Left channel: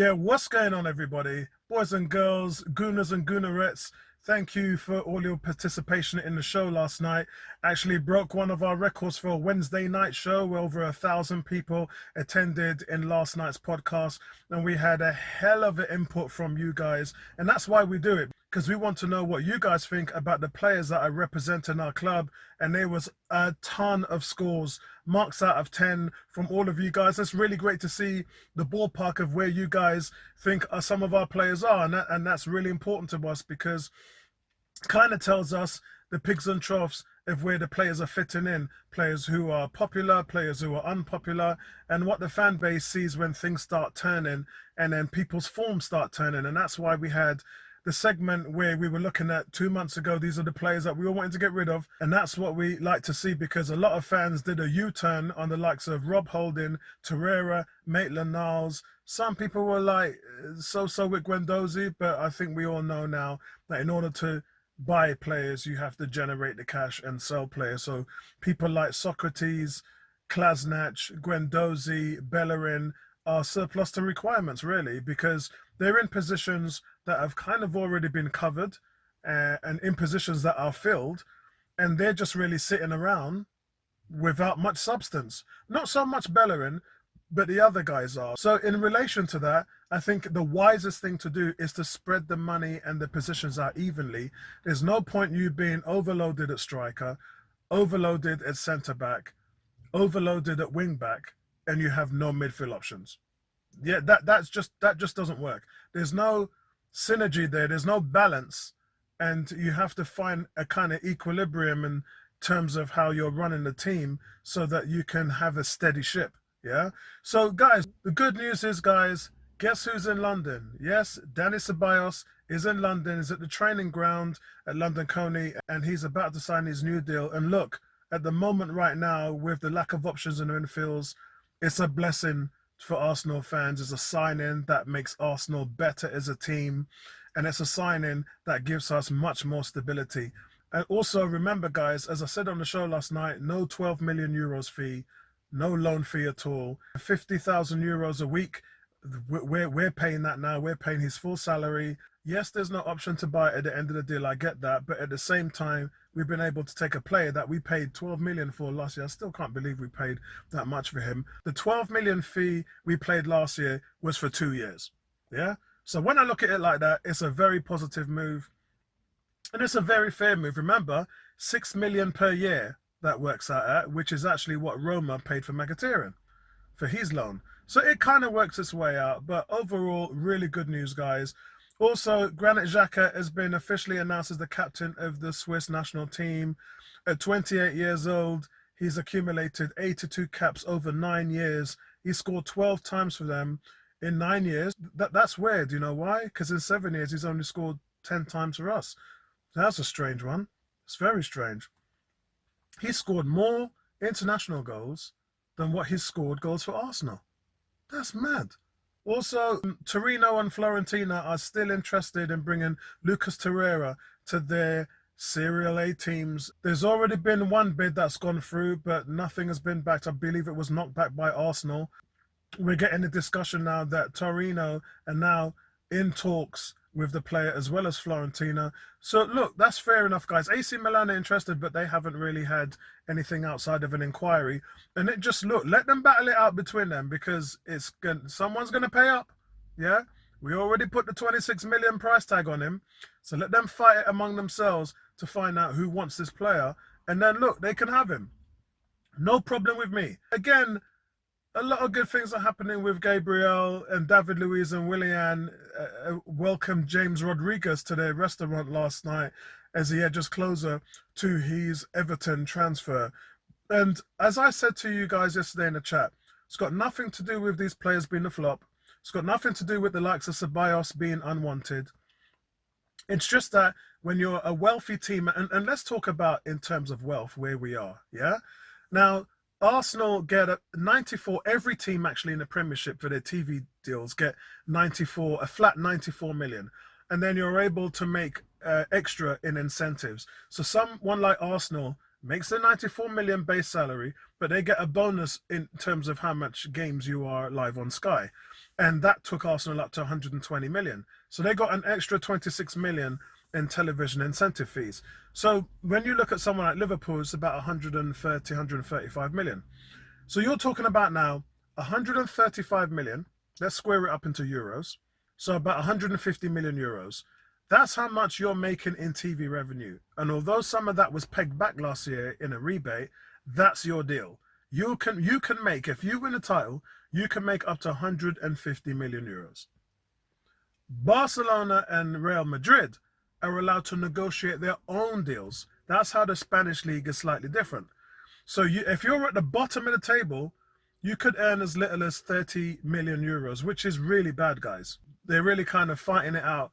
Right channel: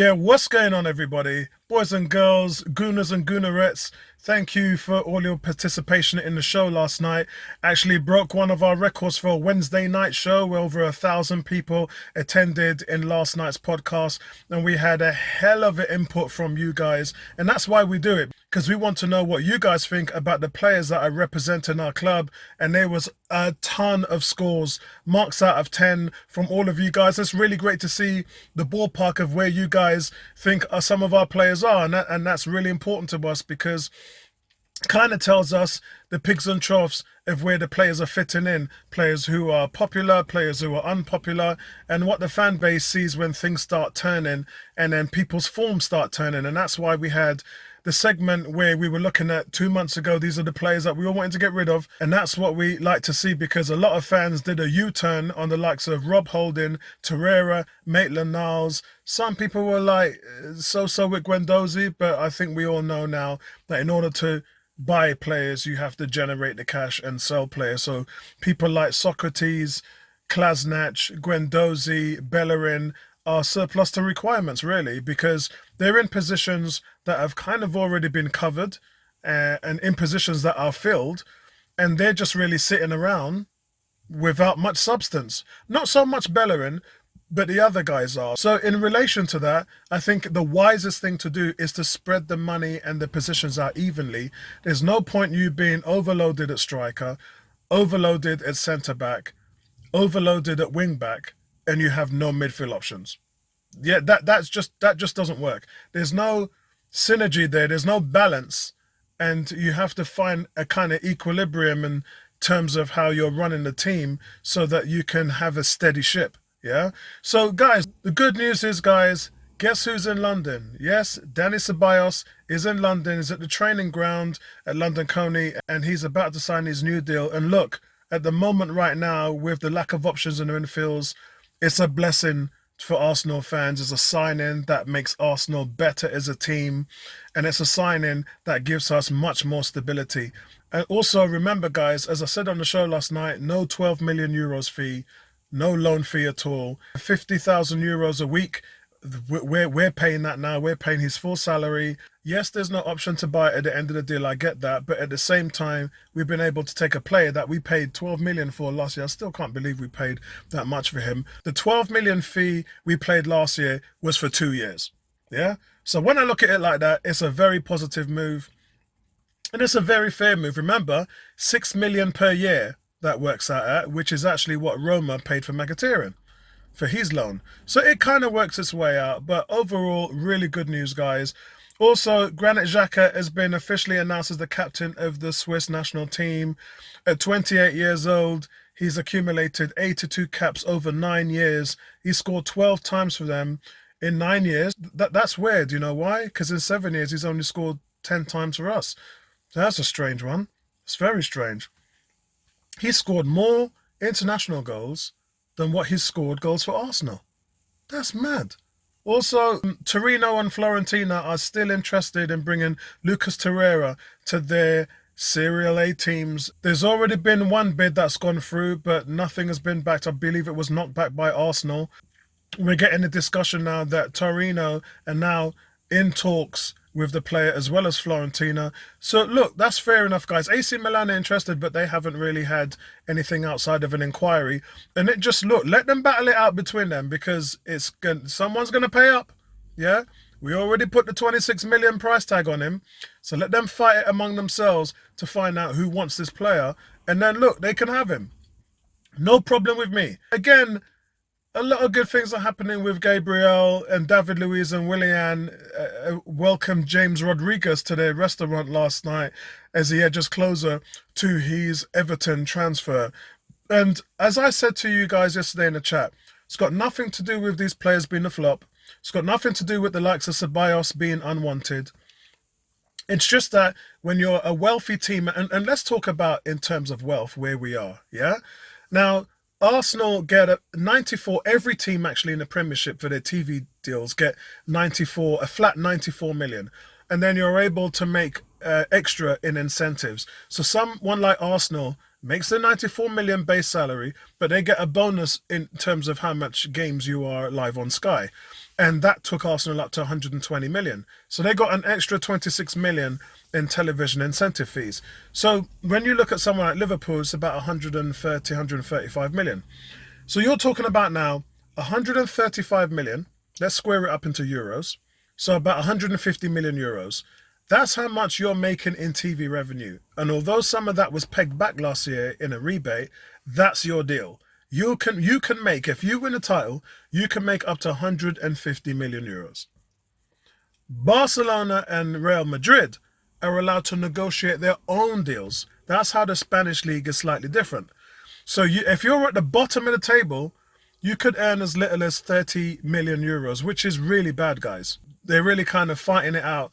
Yeah, what's going on, everybody? Boys and girls, gooners and goonerettes, thank you for all your participation in the show last night. Actually broke one of our records for a Wednesday night show where over 1,000 people attended in last night's podcast. And we had a hell of an input from you guys. And that's why we do it, because we want to know what you guys think about the players that are representing our club. And there was a ton of scores, marks out of 10 from all of you guys. It's really great to see the ballpark of where you guys think some of our players are, and that's really important to us because kind of tells us the pigs and troughs of where the players are fitting in, players who are popular, players who are unpopular, and what the fan base sees when things start turning and then people's forms start turning. And that's why we had the segment where we were looking at 2 months ago, these are the players that we all wanted to get rid of. And that's what we like to see, because a lot of fans did a U-turn on the likes of Rob Holding, Torreira, Maitland-Niles. Some people were like, so with Guendouzi, but I think we all know now that in order to buy players, you have to generate the cash and sell players. So people like Socrates, Klasnach, Guendouzi, Bellerin are surplus to requirements, really, because they're in positions that have kind of already been covered and in positions that are filled, and they're just really sitting around without much substance. Not so much Bellerin, but the other guys are. So in relation to that, I think the wisest thing to do is to spread the money and the positions out evenly. There's no point you being overloaded at striker, overloaded at centre-back, overloaded at wing-back, and you have no midfield options. Yeah, that just doesn't work. There's no synergy there. There's no balance, and you have to find a kind of equilibrium in terms of how you're running the team so that you can have a steady ship. Yeah. So guys, the good news is, guys, guess who's in London? Yes, Danny Ceballos is in London. He's at the training ground at London Coney, and he's about to sign his new deal. And look, at the moment right now, with the lack of options in the infields, it's a blessing for Arsenal fans. It's a signing that makes Arsenal better as a team, and it's a signing that gives us much more stability. And also remember, guys, as I said on the show last night, no 12 million euros fee, no loan fee at all, 50,000 euros a week. We're paying that now. We're paying his full salary. Yes, there's no option to buy at the end of the deal. I get that. But at the same time, we've been able to take a player that we paid 12 million for last year. I still can't believe we paid that much for him. The 12 million fee we paid last year was for 2 years. Yeah. So when I look at it like that, it's a very positive move. And it's a very fair move. Remember, 6 million per year that works out at, which is actually what Roma paid for Mkhitaryan for his loan. So it kind of works its way out. But overall, really good news, guys. Also, Granit Xhaka has been officially announced as the captain of the Swiss national team. At 28 years old, he's accumulated 82 caps over 9 years. He scored 12 times for them in 9 years. That's weird. You know why? Because in 7 years, he's only scored 10 times for us. So that's a strange one. It's very strange. He scored more international goals than what he's scored goals for Arsenal. That's mad. Also, Torino and Fiorentina are still interested in bringing Lucas Torreira to their Serie A teams. There's already been one bid that's gone through, but nothing has been backed. I believe it was knocked back by Arsenal. We're getting a discussion now that Torino are now in talks with the player as well as Fiorentina. So look, that's fair enough, guys. AC Milan are interested, but they haven't really had anything outside of an inquiry. And it just, look, let them battle it out between them, because someone's going to pay up. Yeah, we already put the 26 million price tag on him, so let them fight it among themselves to find out who wants this player, and then look, they can have him. No problem with me. Again, a lot of good things are happening with Gabriel, and David Luiz and Willian welcomed James Rodriguez to their restaurant last night as he edges closer to his Everton transfer. And as I said to you guys yesterday in the chat, it's got nothing to do with these players being a flop. It's got nothing to do with the likes of Ceballos being unwanted. It's just that when you're a wealthy team, and let's talk about in terms of wealth where we are, yeah? Now, Arsenal get a 94, every team actually in the Premiership for their TV deals get 94, a flat 94 million. And then you're able to make extra in incentives. So someone like Arsenal makes the 94 million base salary, but they get a bonus in terms of how much games you are live on Sky. and that took Arsenal up to 120 million. So they got an extra 26 million in television incentive fees. So when you look at someone like Liverpool, it's about 130, 135 million. So you're talking about now 135 million. Let's square it up into euros. So about 150 million euros. That's how much you're making in TV revenue. And although some of that was pegged back last year in a rebate, that's your deal. You can make, if you win a title, you can make up to 150 million euros. Barcelona and Real Madrid are allowed to negotiate their own deals. That's how the Spanish league is slightly different. So if you're at the bottom of the table, you could earn as little as 30 million euros, which is really bad, guys. They're really kind of fighting it out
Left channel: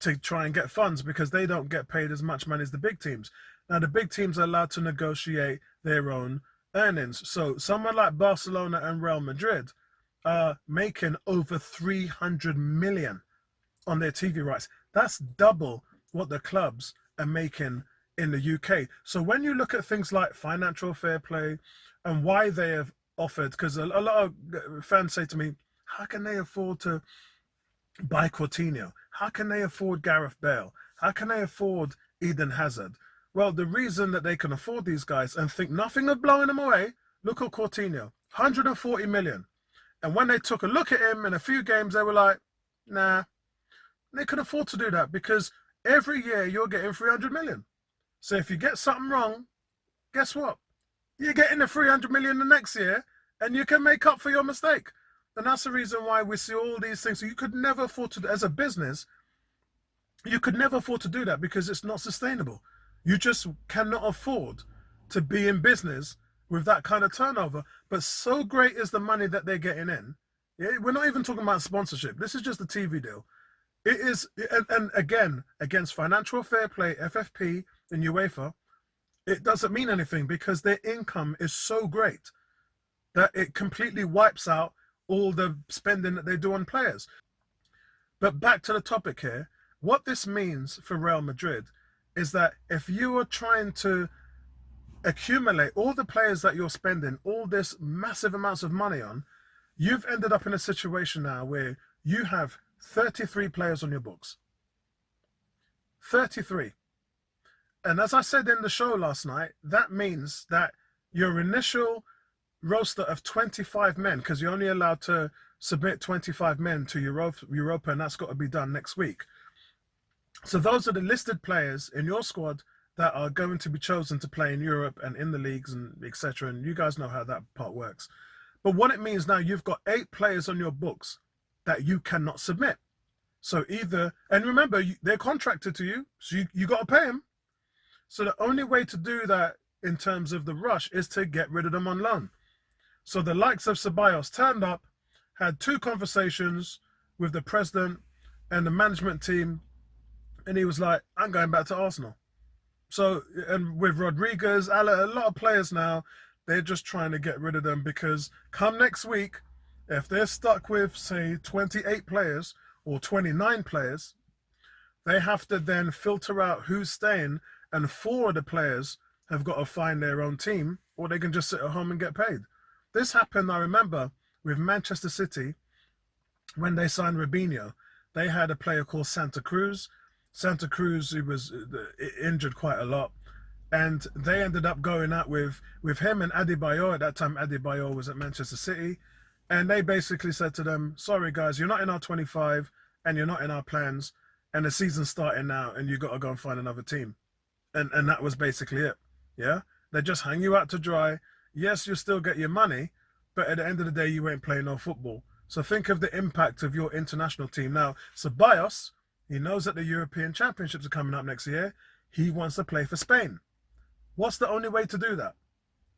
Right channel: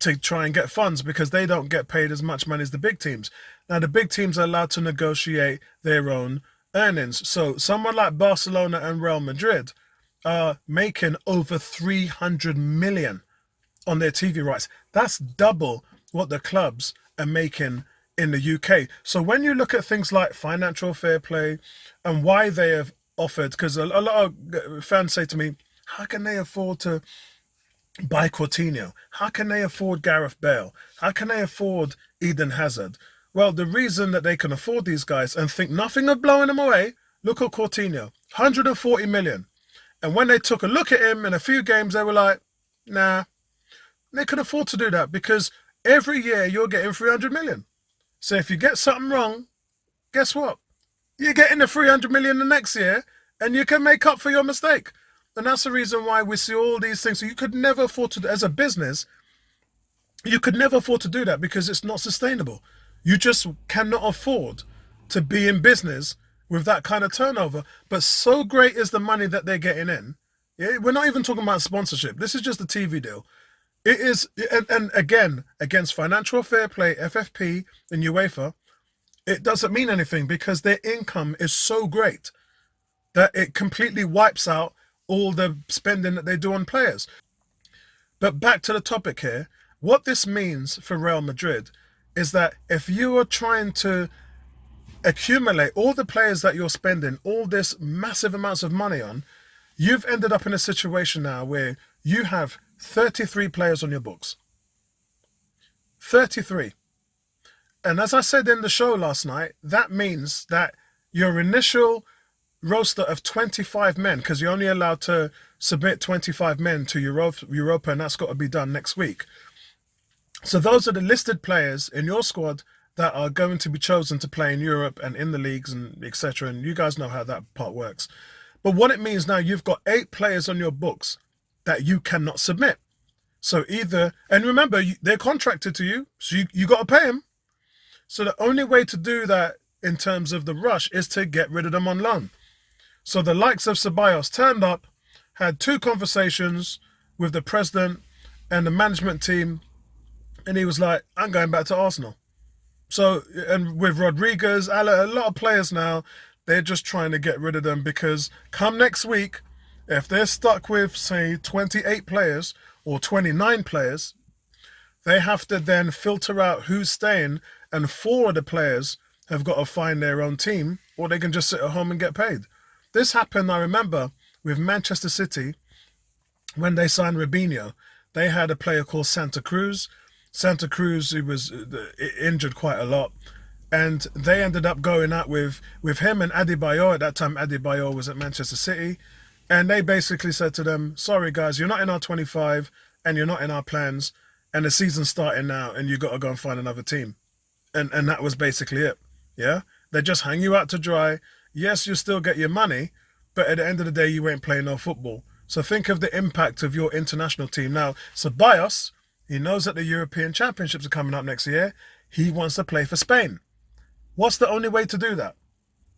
to try and get funds because they don't get paid as much money as the big teams. Now, the big teams are allowed to negotiate their own earnings. So someone like Barcelona and Real Madrid are making over 300 million on their TV rights. That's double what the clubs are making in the UK. So when you look at things like financial fair play and why they have offered, because a lot of fans say to me, how can they afford to buy Coutinho? How can they afford Gareth Bale? How can they afford Eden Hazard? Well, the reason that they can afford these guys and think nothing of blowing them away, look at Coutinho, 140 million. And when they took a look at him in a few games, they were like, nah, they can afford to do that because every year you're getting 300 million. So if you get something wrong, guess what? You're getting the 300 million the next year and you can make up for your mistake. And that's the reason why we see all these things. So you could never afford to, as a business, you could never afford to do that because it's not sustainable. You just cannot afford to be in business with that kind of turnover. But so great is the money that they're getting in. Yeah, we're not even talking about sponsorship. This is just a TV deal. It is, and again, against financial fair play, FFP and UEFA, it doesn't mean anything because their income is so great that it completely wipes out all the spending that they do on players. But back to the topic here, what this means for Real Madrid is that if you are trying to accumulate all the players that you're spending all this massive amounts of money on, you've ended up in a situation now where you have 33 players on your books. 33. And as I said in the show last night, that means that your initial roster of 25 men, because you're only allowed to submit 25 men to Europa, and that's got to be done next week. So those are the listed players in your squad that are going to be chosen to play in Europe and in the leagues and etc. And you guys know how that part works. But what it means now, you've got 8 players on your books that you cannot submit. So either, and remember, they're contracted to you, so you got to pay them. So the only way to do that in terms of the rush is to get rid of them on loan. So the likes of Ceballos turned up, had 2 conversations with the president and the management team, and he was like, I'm going back to Arsenal. So, and with Rodriguez, a lot of players now, they're just trying to get rid of them because come next week, if they're stuck with, say, 28 players or 29 players, they have to then filter out who's staying, and 4 of the players have got to find their own team, or they can just sit at home and get paid. This happened, I remember, with Manchester City when they signed Robinho. They had a player called Santa Cruz. Santa Cruz, he was injured quite a lot. And they ended up going out with him and Adebayor. At that time, Adebayor was at Manchester City. And they basically said to them, sorry, guys, you're not in our 25 and you're not in our plans. And the season's starting now and you got to go and find another team. And that was basically it. Yeah? They just hang you out to dry. Yes, you still get your money, but at the end of the day, you ain't playing no football. So think of the impact of your international team. Now, Ceballos, he knows that the European Championships are coming up next year. He wants to play for Spain. What's the only way to do that?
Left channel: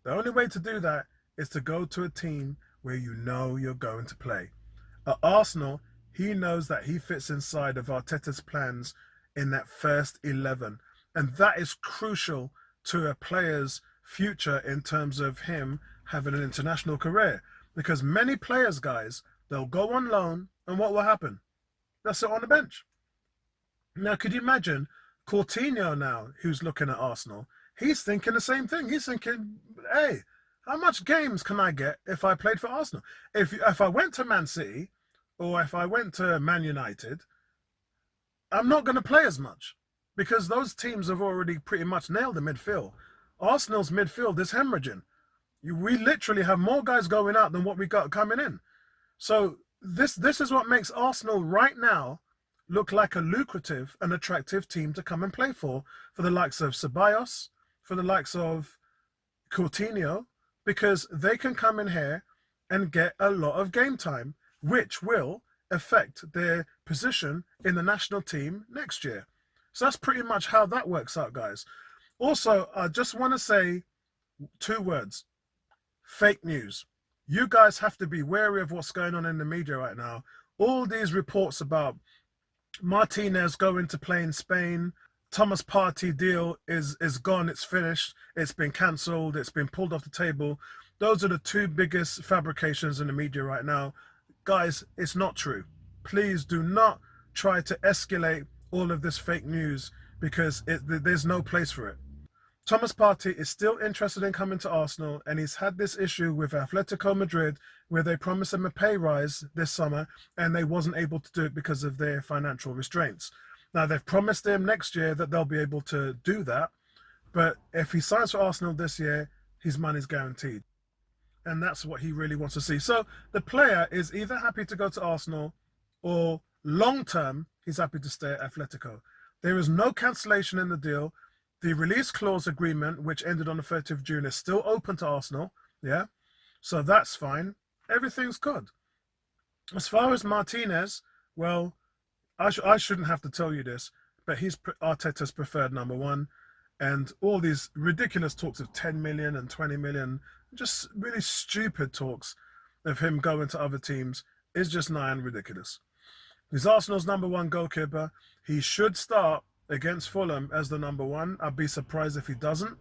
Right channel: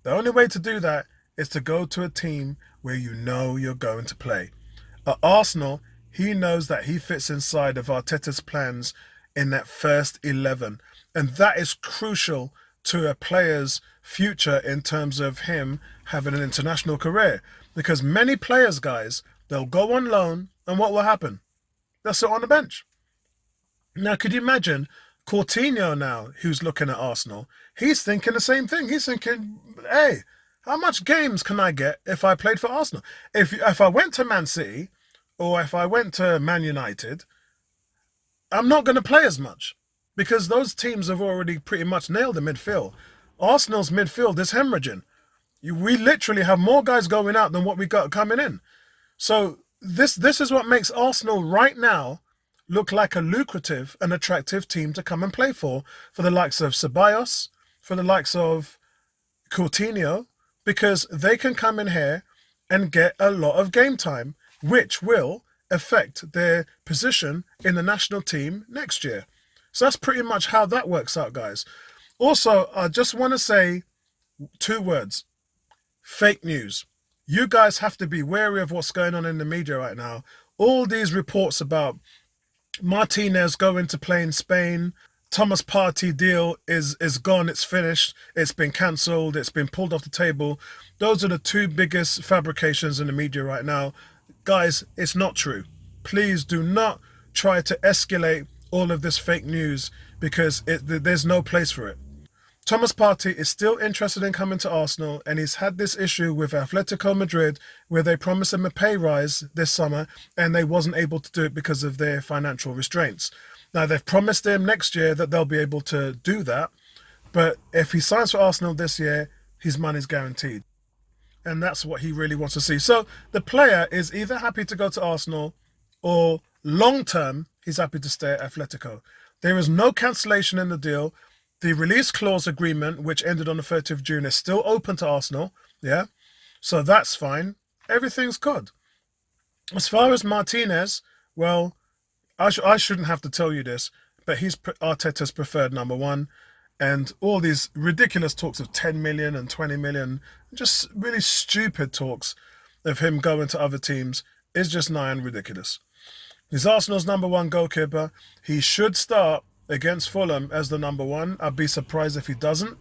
The only way to do that is to go to a team where you know you're going to play. At Arsenal, he knows that he fits inside of Arteta's plans in that first 11. And that is crucial to a player's future in terms of him having an international career. Because many players, guys, they'll go on loan and what will happen? They'll sit on the bench. Now, could you imagine Coutinho now, who's looking at Arsenal? He's thinking the same thing. He's thinking, hey, how much games can I get if I played for Arsenal? If I went to Man City, or if I went to Man United, I'm not going to play as much because those teams have already pretty much nailed the midfield. Arsenal's midfield is hemorrhaging. We literally have more guys going out than what we got coming in. So this is what makes Arsenal right now look like a lucrative and attractive team to come and play for the likes of Ceballos, for the likes of Coutinho, because they can come in here and get a lot of game time, which will affect their position in the national team next year. So that's pretty much how that works out, guys. Also, I just want to say 2 words: fake news. You guys have to be wary of what's going on in the media right now. All these reports about Martinez going to play in Spain, Thomas Partey deal is gone, it's finished, it's been cancelled, it's been pulled off the table. Those are the 2 biggest fabrications in the media right now. Guys, it's not true. Please do not try to escalate all of this fake news because there's no place for it. Thomas Partey is still interested in coming to Arsenal, and he's had this issue with Atletico Madrid where they promised him a pay rise this summer and they wasn't able to do it because of their financial restraints. Now, they've promised him next year that they'll be able to do that, but if he signs for Arsenal this year, his money's guaranteed. And that's what he really wants to see. So the player is either happy to go to Arsenal or long-term, he's happy to stay at Atletico. There is no cancellation in the deal. The release clause agreement, which ended on the 30th of June, is still open to Arsenal. Yeah, so that's fine. Everything's good. As far as Martinez, well, I shouldn't have to tell you this, but he's Arteta's preferred number 1. And all these ridiculous talks of 10 million and 20 million, just really stupid talks of him going to other teams is just nigh and ridiculous. He's Arsenal's number 1 goalkeeper. He should start against Fulham as the number 1. I'd be surprised if he doesn't.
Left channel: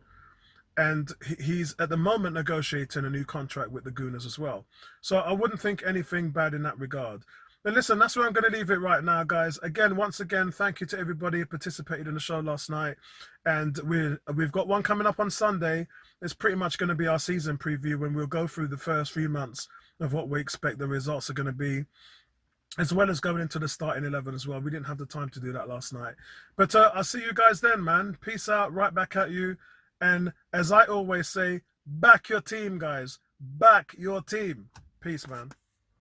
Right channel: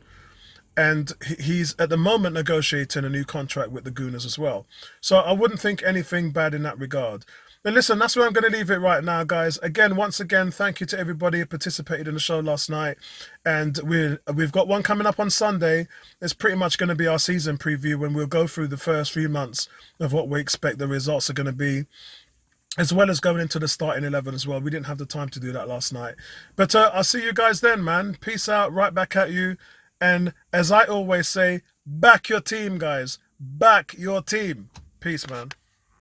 And he's at the moment negotiating a new contract with the Gooners as well. So I wouldn't think anything bad in that regard. But listen, that's where I'm going to leave it right now, guys. Once again, thank you to everybody who participated in the show last night. And we've got one coming up on Sunday. It's pretty much going to be our season preview when we'll go through the first few months of what we expect the results are going to be, as well as going into the starting 11 as well. We didn't have the time to do that last night. But I'll see you guys then, man. Peace out, right back at you. And as I always say, back your team, guys. Back your team. Peace, man.